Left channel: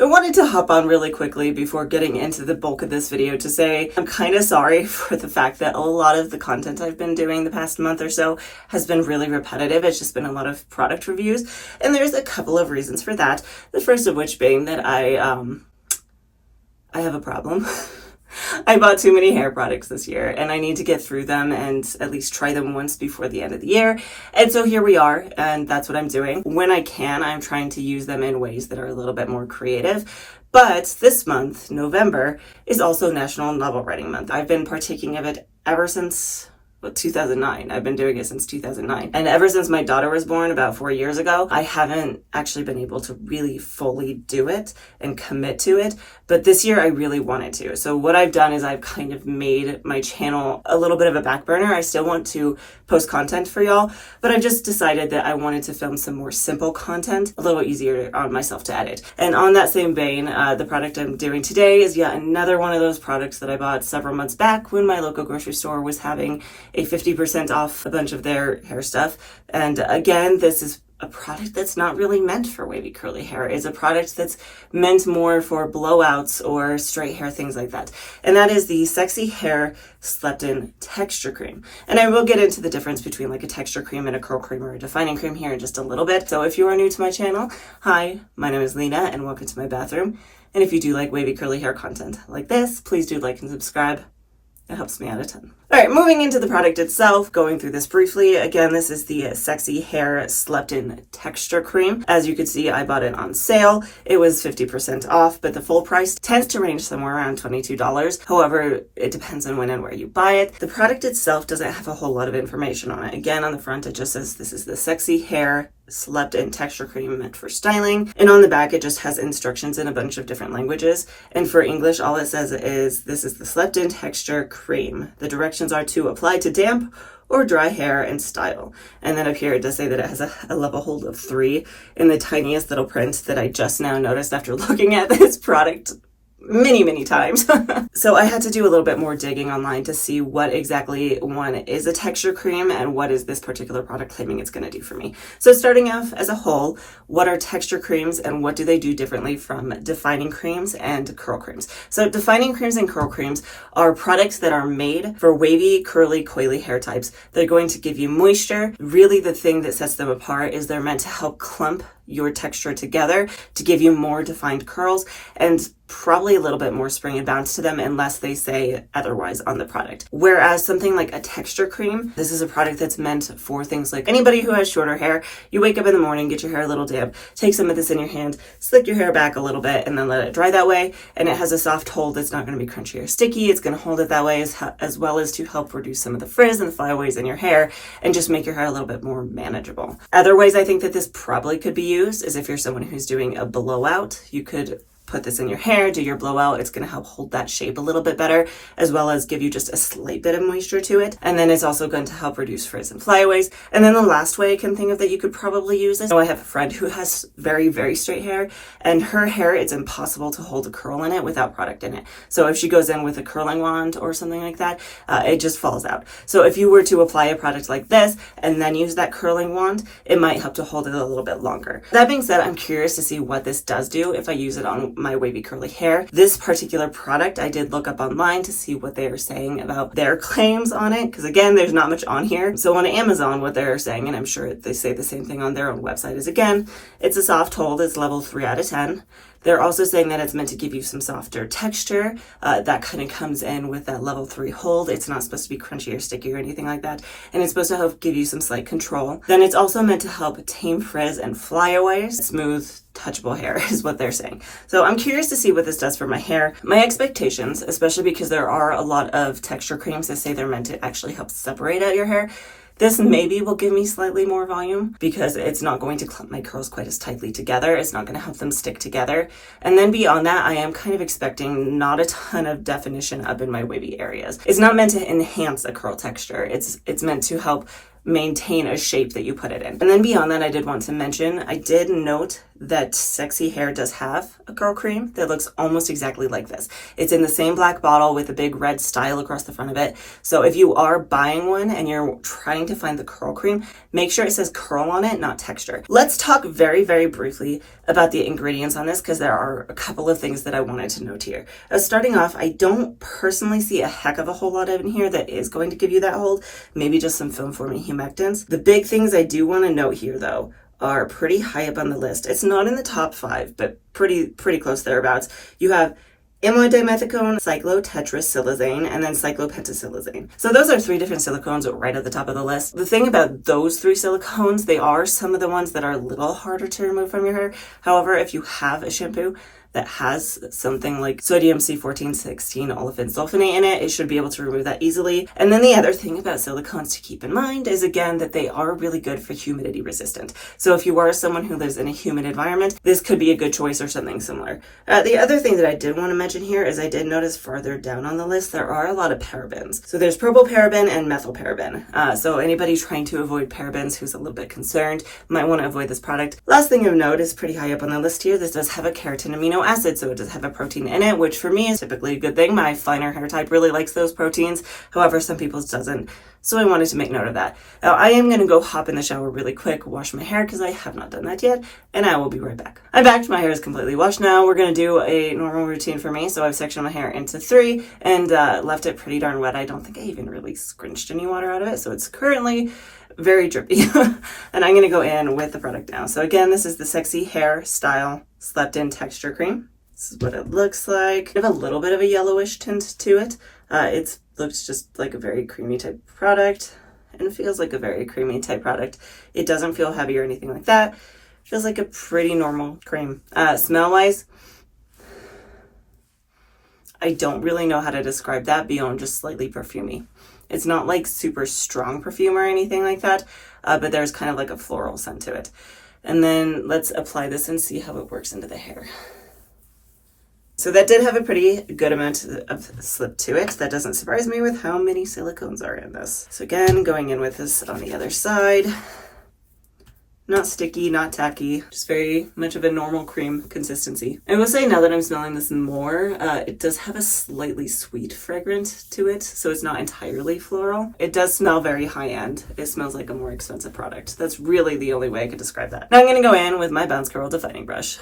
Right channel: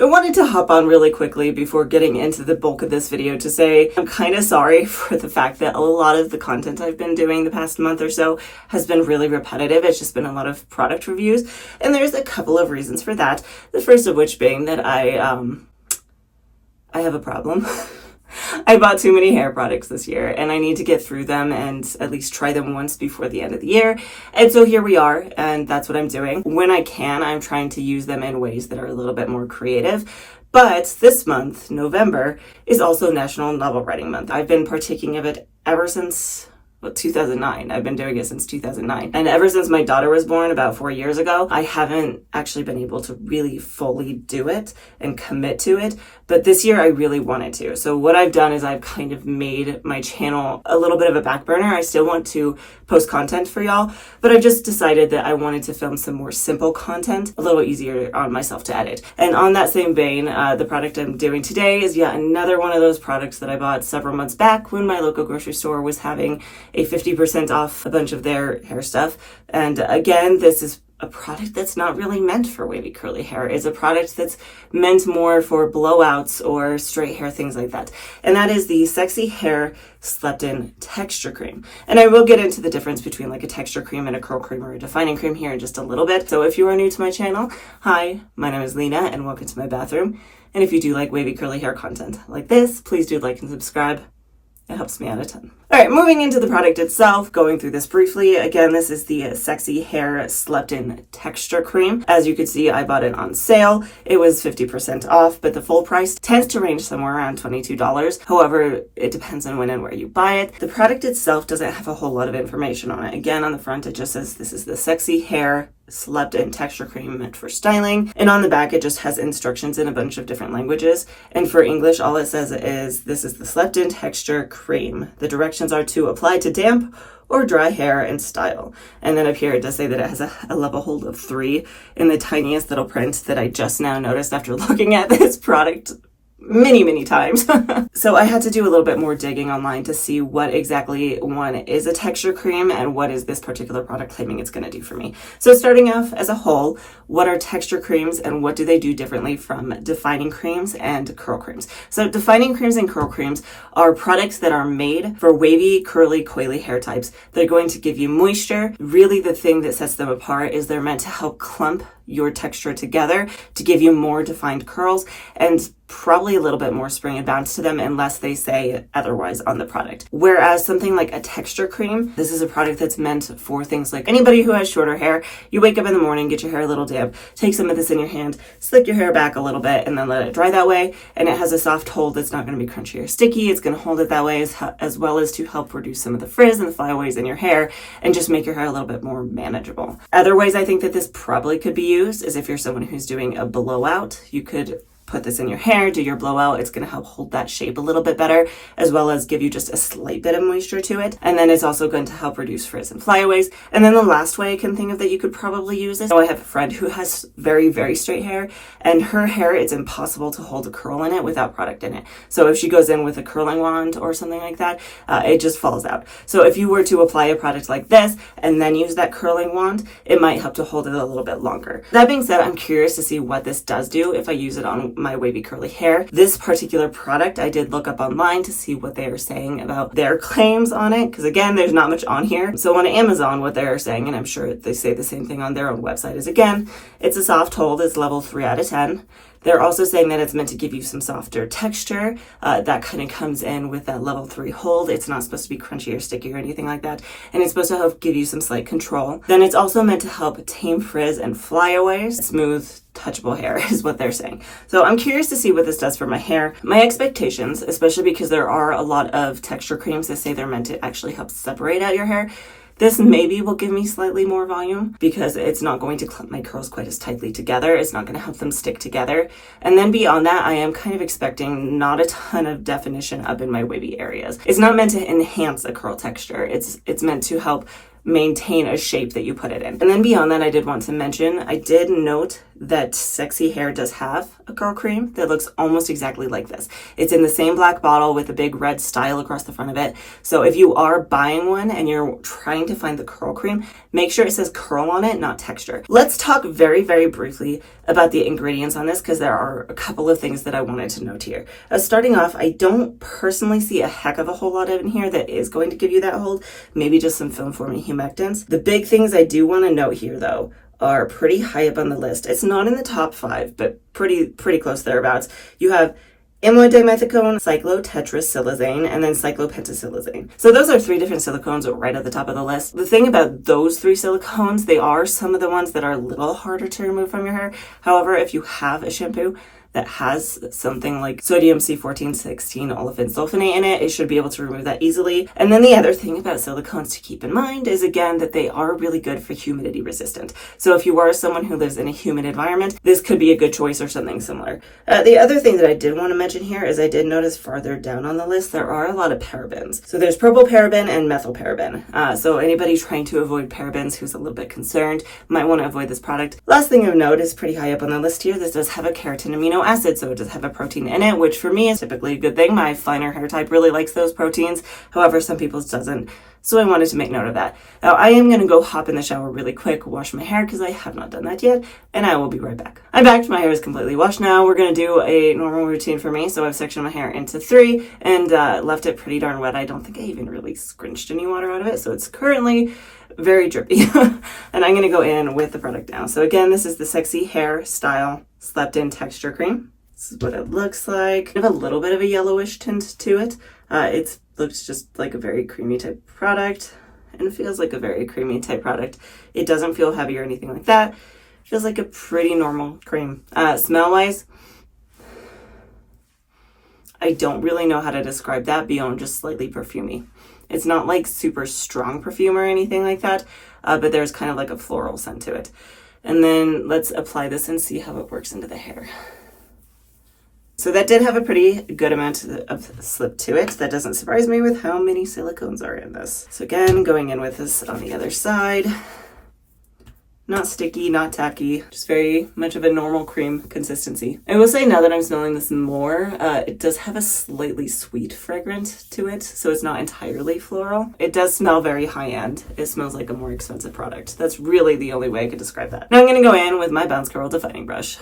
I wanted to hop on really quickly before getting into the bulk of this video to say I'm kind of sorry for the fact that a lot of the content I've been doing the past month or so has been really repetitive. It's just been a lot of product reviews, and there's a couple of reasons for that. The first of which being that I have a problem. I bought too many hair products this year and I need to get through them and at least try them once before the end of the year. And so here we are, and that's what I'm doing. When I can, I'm trying to use them in ways that are a little bit more creative. But this month, November, is also National Novel Writing Month. I've been partaking of it ever since 2009. I've been doing it since 2009. And ever since my daughter was born about 4 years ago, I haven't actually been able to really fully do it and commit to it. But this year I really wanted to. So what I've done is I've kind of made my channel a little bit of a back burner. I still want to post content for y'all, but I've just decided that I wanted to film some more simple content, a little easier on myself to edit. And on that same vein, the product I'm doing today is yet another one of those products that I bought several months back when my local grocery store was having a 50% off a bunch of their hair stuff. And again, this is a product that's not really meant for wavy curly hair. It's a product that's meant more for blowouts or straight hair, things like that. And that is the Sexy Hair Slept-In Texture Cream. And I will get into the difference between like a texture cream and a curl cream or a defining cream here in just a little bit. So if you are new to my channel, hi, my name is Lena and welcome to my bathroom. And if you do like wavy curly hair content like this, please do like and subscribe. It helps me out a ton. All right, moving into the product itself, going through this briefly. Again, this is the Sexy Hair Slept-In Texture Cream. As you can see, I bought it on sale. It was 50% off, but the full price tends to range somewhere around $22. However, it depends on when and where you buy it. The product itself doesn't have a whole lot of information on it. Again, on the front, it just says this is the Sexy Hair Slept-In Texture Cream meant for styling. And on the back, it just has instructions in a bunch of different languages. And for English, all it says is, this is the Slept-In Texture Cream. The directions are to apply to damp or dry hair and style. And then up here, it does say that it has a level hold of 3 in the tiniest little print that I just now noticed after looking at this product many times. So I had to do a little bit more digging online to see what exactly one is a texture cream and what is this particular product claiming it's going to do for me. So starting off as a whole, what are texture creams and what do they do differently from defining creams and curl creams? So defining creams and curl creams are products that are made for wavy, curly, coily hair types. They're going to give you moisture. Really the thing that sets them apart is they're meant to help clump your texture together to give you more defined curls and probably a little bit more spring and bounce to them unless they say otherwise on the product. Whereas something like a texture cream, this is a product that's meant for things like anybody who has shorter hair. You wake up in the morning, get your hair a little damp, take some of this in your hand, slick your hair back a little bit and then let it dry that way. And it has a soft hold that's not going to be crunchy or sticky. It's going to hold it that way as well as to help reduce some of the frizz and the flyaways in your hair and just make your hair a little bit more manageable. Other ways I think that this probably could be used is if you're someone who's doing a blowout, you could put this in your hair, do your blowout. It's going to help hold that shape a little bit better, as well as give you just a slight bit of moisture to it. And then it's also going to help reduce frizz and flyaways. And then the last way I can think of that you could probably use this, I have a friend who has very straight hair, and her hair, it's impossible to hold a curl in it without product in it. So if she goes in with a curling wand or something like that, it just falls out. So if you were to apply a product like this and then use that curling wand, it might help to hold it a little bit longer. That being said, I'm curious to see what this does do if I use it on my wavy curly hair. This particular product, I did look up online to see what they are saying about their claims on it, because again, there's not much on here. So on Amazon, what they're saying, and I'm sure they say the same thing on their own website, is again, it's a soft hold, it's level 3 out of 10. They're also saying that it's meant to give you some softer texture. That kind of comes in with that level 3 hold. It's not supposed to be crunchy or sticky or anything like that. And it's supposed to help give you some slight control. Then it's also meant to help tame frizz and flyaways. Smooth, touchable hair is what they're saying. So I'm curious to see what this does for my hair. My expectations, especially because there are a lot of texture creams that say they're meant to actually help separate out your hair, this maybe will give me slightly more volume because it's not going to clump my curls quite as tightly together. It's not going to help them stick together. And then beyond that, I am kind of expecting not a ton of definition up in my wavy areas. It's not meant to enhance a curl texture. It's meant to help maintain a shape that you put it in. And then beyond that, I did want to mention, I did note that Sexy Hair does have a curl cream that looks almost exactly like this. It's in the same black bottle with a big red style across the front of it. So if you are buying one and you're trying to find the curl cream, make sure it says curl on it, not texture. Let's talk very briefly about the ingredients on this because there are a couple of things that I wanted to note here. Starting off, I don't personally see a heck of a whole lot in here that is going to give you that hold, maybe just some film forming humectants. The big things I do want to note here though are pretty high up on the list. It's not in the top 5, but pretty close thereabouts. You have amyloid dimethicone, cyclotetrasilazane, and then cyclopentasilazane. So those are 3 different silicones right at the top of the list. The thing about those 3 silicones, they are some of the ones that are a little harder to remove from your hair. However, if you have a shampoo that has something like sodium C1416 olefin sulfonate in it, it should be able to remove that easily. And then the other thing about silicones to keep in mind is, again, that they are really good for humidity resistant. So if you are someone who lives in a humid environment, this could be a good choice or something similar. The other thing that I did want to mention here is I did notice farther down on the list, there are a lot of parabens. So there's propylparaben and methylparaben. So anybody trying to avoid parabens who's a little bit concerned might want to avoid this product. Last thing of note is pretty high up on the list here. This does have a keratin amino acid, so it does have a protein in it, which for me is typically a good thing. My finer hair type really likes those proteins. However, some people's doesn't. So I wanted to make note of that. Now I am going to go hop in the shower really quick, wash my hair because I have not done that yet, and I will be right back. I'm back. My hair is completely washed now. We're going to do a normal routine for me. So I've sectioned my hair into 3 and left it pretty darn wet. I don't think I even really scrunched any water out of it. So it's currently very drippy. And I'm going to go in with the product now. So again, this is the Sexy Hair Style Slept In Texture Cream. This is what it looks like. I have a little bit of a yellowish tint to it. It looks just like a very creamy type product and feels like a very creamy type product. It doesn't feel heavy or anything like that. It feels like a pretty normal cream. Smell-wise, I don't really know how to describe that beyond just slightly perfumey. It's not like super strong perfume or anything like that, but there's kind of like a floral scent to it. And then let's apply this and see how it works into the hair. So that did have a pretty good amount of slip to it. That doesn't surprise me with how many silicones are in this. So again, going in with this on the other side. Not sticky, not tacky, just very much of a normal cream consistency. I will say now that I'm smelling this more, it does have a slightly sweet fragrance to it, so it's not entirely floral. It does smell very high-end. It smells like a more expensive product. That's really the only way I could describe that. Now I'm gonna go in with my Bounce Curl Defining Brush.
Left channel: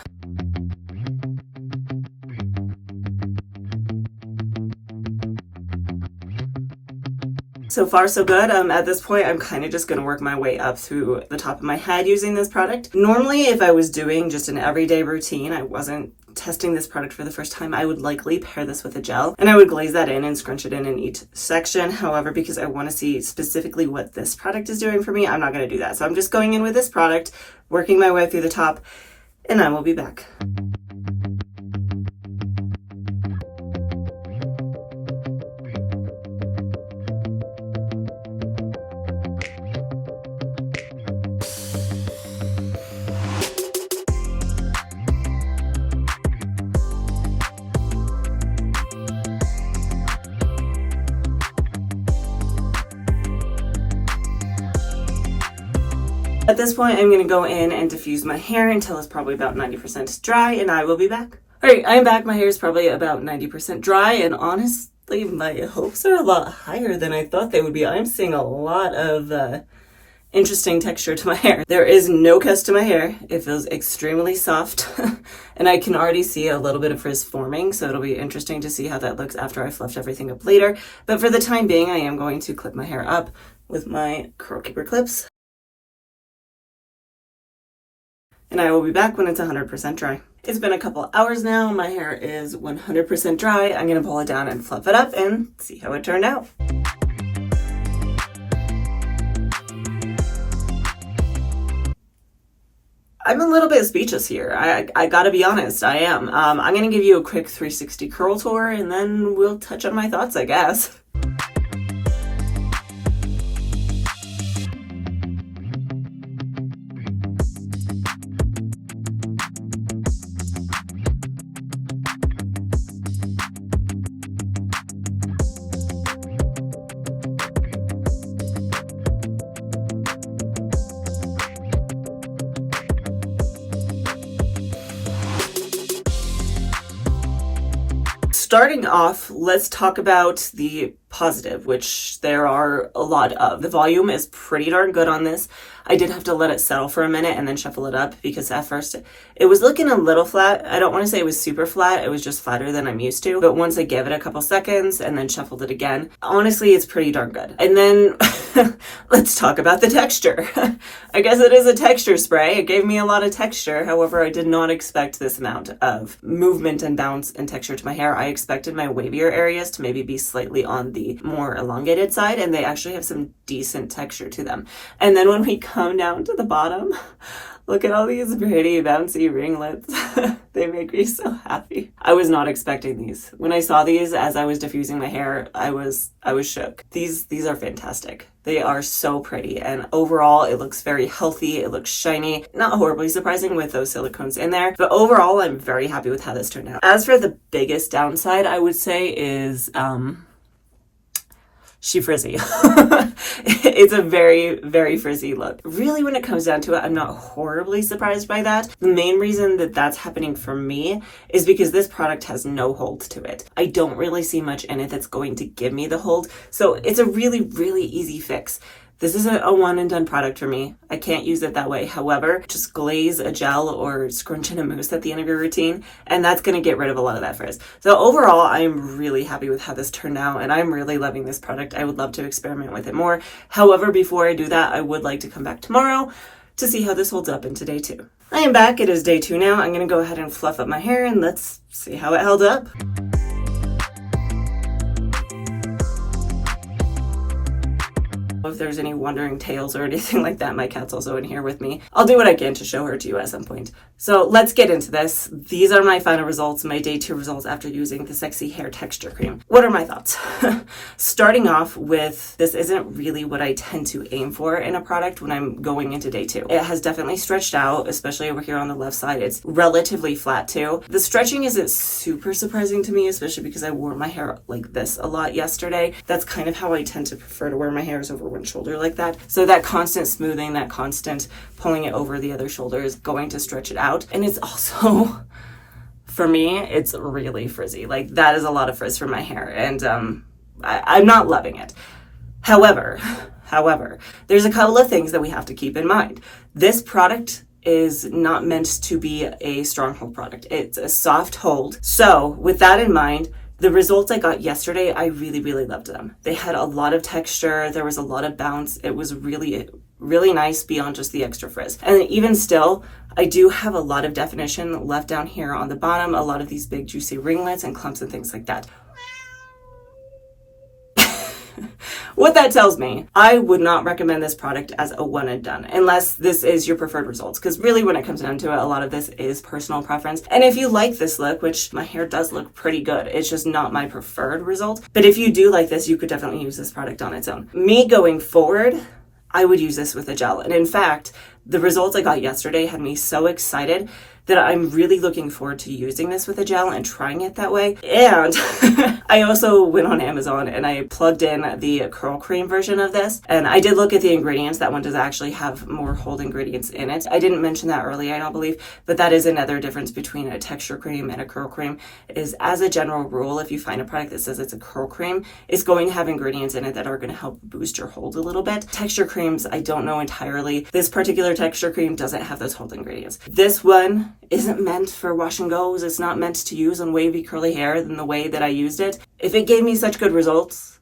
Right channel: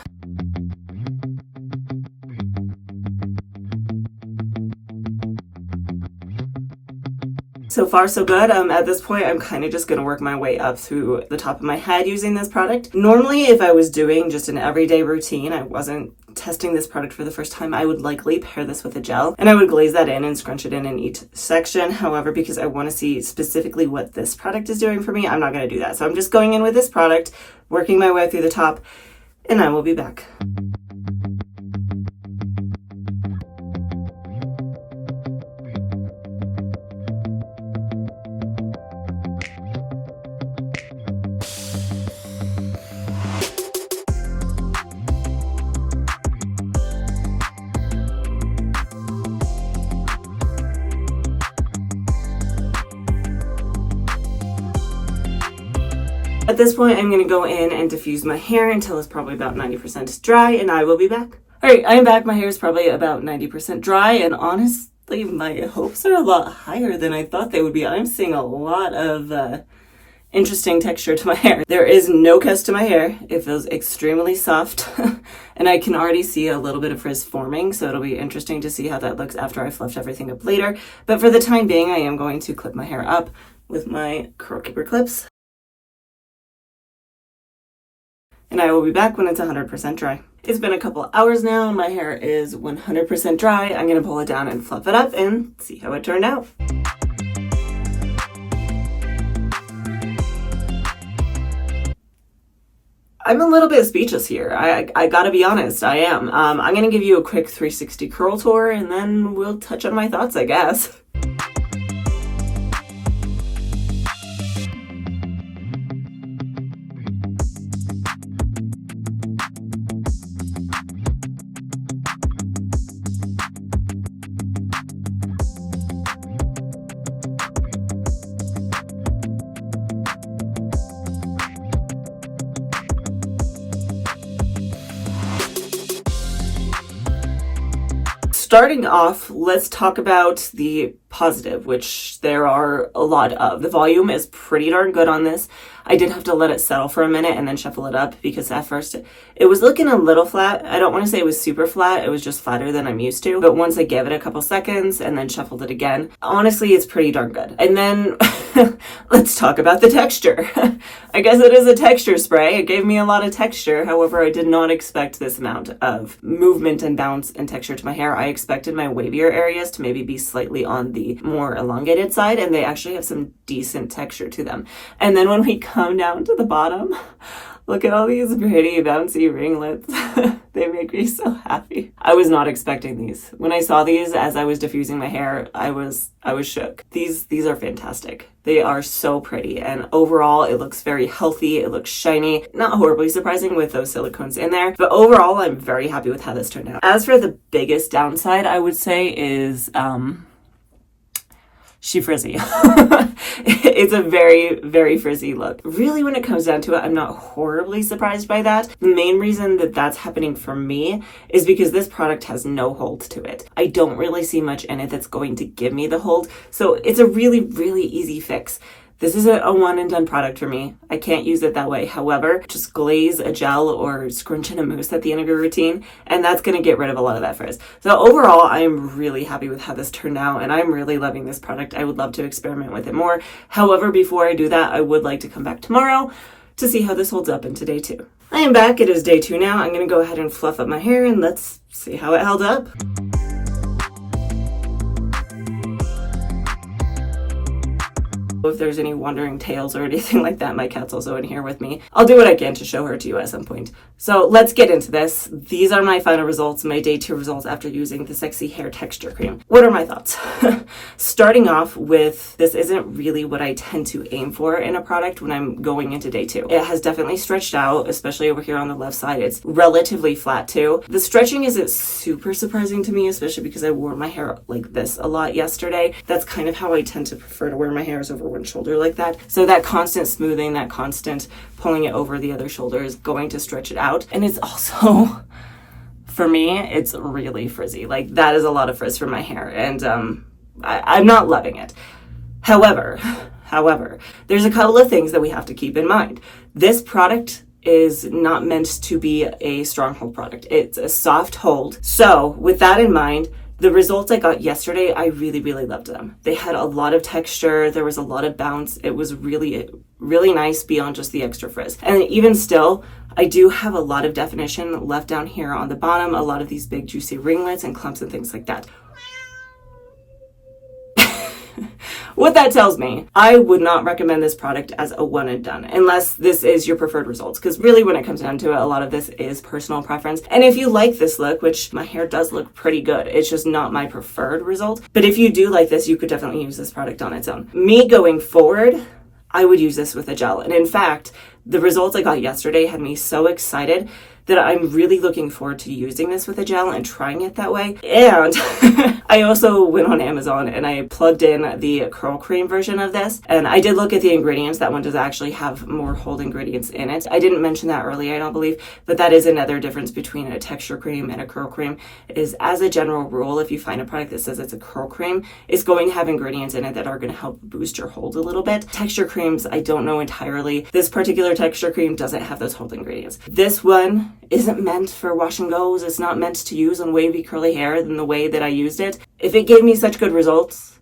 So far, so good. At this point, I'm kind of just going to work my way up through the top of my head using this product. Normally, if I was doing just an everyday routine, I wasn't testing this product for the first time, I would likely pair this with a gel and I would glaze that in and scrunch it in each section. However, because I want to see specifically what this product is doing for me, I'm not going to do that. So I'm just going in with this product, working my way through the top, and I will be back. At this point, I'm going to go in and diffuse my hair until it's probably about 90% dry, and I will be back. All right, I'm back. My hair is probably about 90% dry, and honestly, my hopes are a lot higher than I thought they would be. I'm seeing a lot of interesting texture to my hair. There is no cuts to my hair. It feels extremely soft, and I can already see a little bit of frizz forming, so it'll be interesting to see how that looks after I fluffed everything up later. But for the time being, I am going to clip my hair up with my Curl Keeper clips. And I will be back when it's 100% dry. It's been a couple hours now. My hair is 100% dry. I'm going to pull it down and fluff it up and see how it turned out. I'm a little bit speechless here. I gotta be honest, I am. I'm going to give you a quick 360 curl tour and then we'll touch on my thoughts, I guess. Starting off, let's talk about the positive, which there are a lot of. The volume is pretty darn good on this. I did have to let it settle for a minute and then shuffle it up because at first it was looking a little flat. I don't want to say it was super flat. It was just flatter than I'm used to. But once I gave it a couple seconds and then shuffled it again, honestly, it's pretty darn good. And then let's talk about the texture. I guess it is a texture spray. It gave me a lot of texture. However, I did not expect this amount of movement and bounce and texture to my hair. I expected my wavier areas to maybe be slightly on the more elongated side, and they actually have some decent texture to them. And then when we come down to the bottom, look at all these pretty bouncy ringlets. They make me so happy. I was not expecting these. When I saw these as I was diffusing my hair, I was shook. These are fantastic. They are so pretty, and overall it looks very healthy. It looks shiny. Not horribly surprising with those silicones in there, but overall I'm very happy with how this turned out. As for the biggest downside, I would say is she frizzy. It's a very, very frizzy look. Really, when it comes down to it, I'm not horribly surprised by that. The main reason that that's happening for me is because this product has no hold to it. I don't really see much in it that's going to give me the hold. So it's a really, really easy fix. This is a one and done product for me. I can't use it that way. However, just glaze a gel or scrunch in a mousse at the end of your routine, and that's going to get rid of a lot of that frizz. So overall, I'm really happy with how this turned out, and I'm really loving this product. I would love to experiment with it more. However, before I do that, I would like to come back tomorrow to see how this holds up into day 2. I am back. It is day 2 now. I'm going to go ahead and fluff up my hair, and let's see how it held up. If there's any wandering tails or anything like that, my cat's also in here with me. I'll do what I can to show her to you at some point. So let's get into this. These are my final results, my day 2 results after using the Sexy Hair Texture Cream. What are my thoughts? Starting off with, this isn't really what I tend to aim for in a product when I'm going into day 2. It has definitely stretched out, especially over here on the left side. It's relatively flat too. The stretching isn't super surprising to me, especially because I wore my hair like this a lot yesterday. That's kind of how I tend to prefer to wear my hair, is over one shoulder like that. So that constant smoothing, that constant pulling it over the other shoulder is going to stretch it out. And it's also, for me, it's really frizzy. Like, that is a lot of frizz for my hair, and I'm not loving it. However, there's a couple of things that we have to keep in mind. This product is not meant to be a stronghold product. It's a soft hold. So with that in mind, the results I got yesterday, I really, really loved them. They had a lot of texture. There was a lot of bounce. It was really, really nice beyond just the extra frizz. And even still, I do have a lot of definition left down here on the bottom, a lot of these big juicy ringlets and clumps and things like that. What that tells me, I would not recommend this product as a one and done, unless this is your preferred results. Because really, when it comes down to it, a lot of this is personal preference. And if you like this look, which my hair does look pretty good, it's just not my preferred result. But if you do like this, you could definitely use this product on its own. Me going forward, I would use this with a gel. And in fact, the results I got yesterday had me so excited that I'm really looking forward to using this with a gel and trying it that way. And I also went on Amazon and I plugged in the curl cream version of this. And I did look at the ingredients. That one does actually have more hold ingredients in it. I didn't mention that earlier, I don't believe, but that is another difference between a texture cream and a curl cream, is as a general rule, if you find a product that says it's a curl cream, it's going to have ingredients in it that are going to help boost your hold a little bit. Texture creams, I don't know entirely. This particular texture cream doesn't have those hold ingredients. This one isn't meant for wash and goes. It's not meant to use on wavy curly hair in the way that I used it. If it gave me such good results,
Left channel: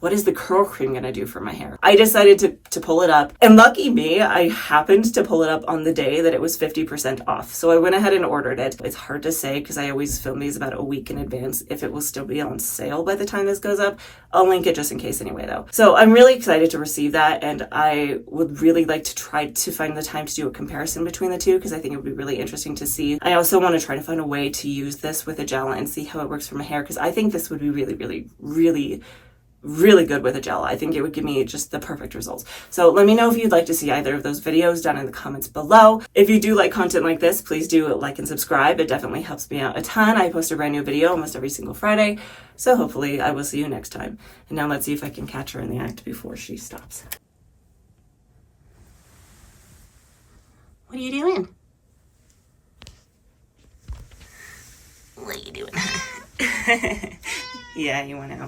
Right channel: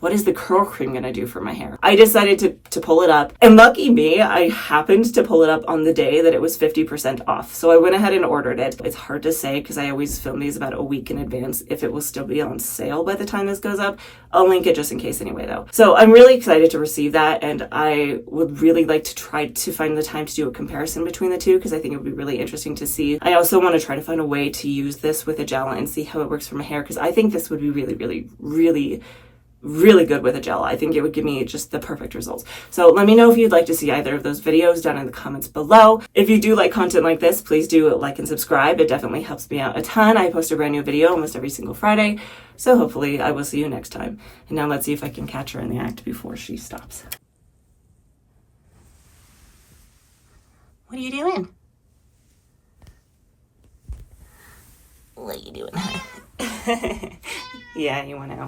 what is the curl cream going to do for my hair? I decided to pull it up, and lucky me, I happened to pull it up on the day that it was 50% off. So I went ahead and ordered it. It's hard to say because I always film these about a week in advance if it will still be on sale by the time this goes up. I'll link it just in case anyway though. So I'm really excited to receive that, and I would really like to try to find the time to do a comparison between the two because I think it would be really interesting to see. I also want to try to find a way to use this with a gel and see how it works for my hair, because I think this would be really, really, really good with a gel. I think it would give me just the perfect results. So let me know if you'd like to see either of those videos down in the comments below. If you do like content like this, please do like and subscribe. It definitely helps me out a ton. I post a brand new video almost every single Friday. So hopefully I will see you next time. And now let's see if I can catch her in the act before she stops. What are you doing? What are you doing? Yeah, you want to know.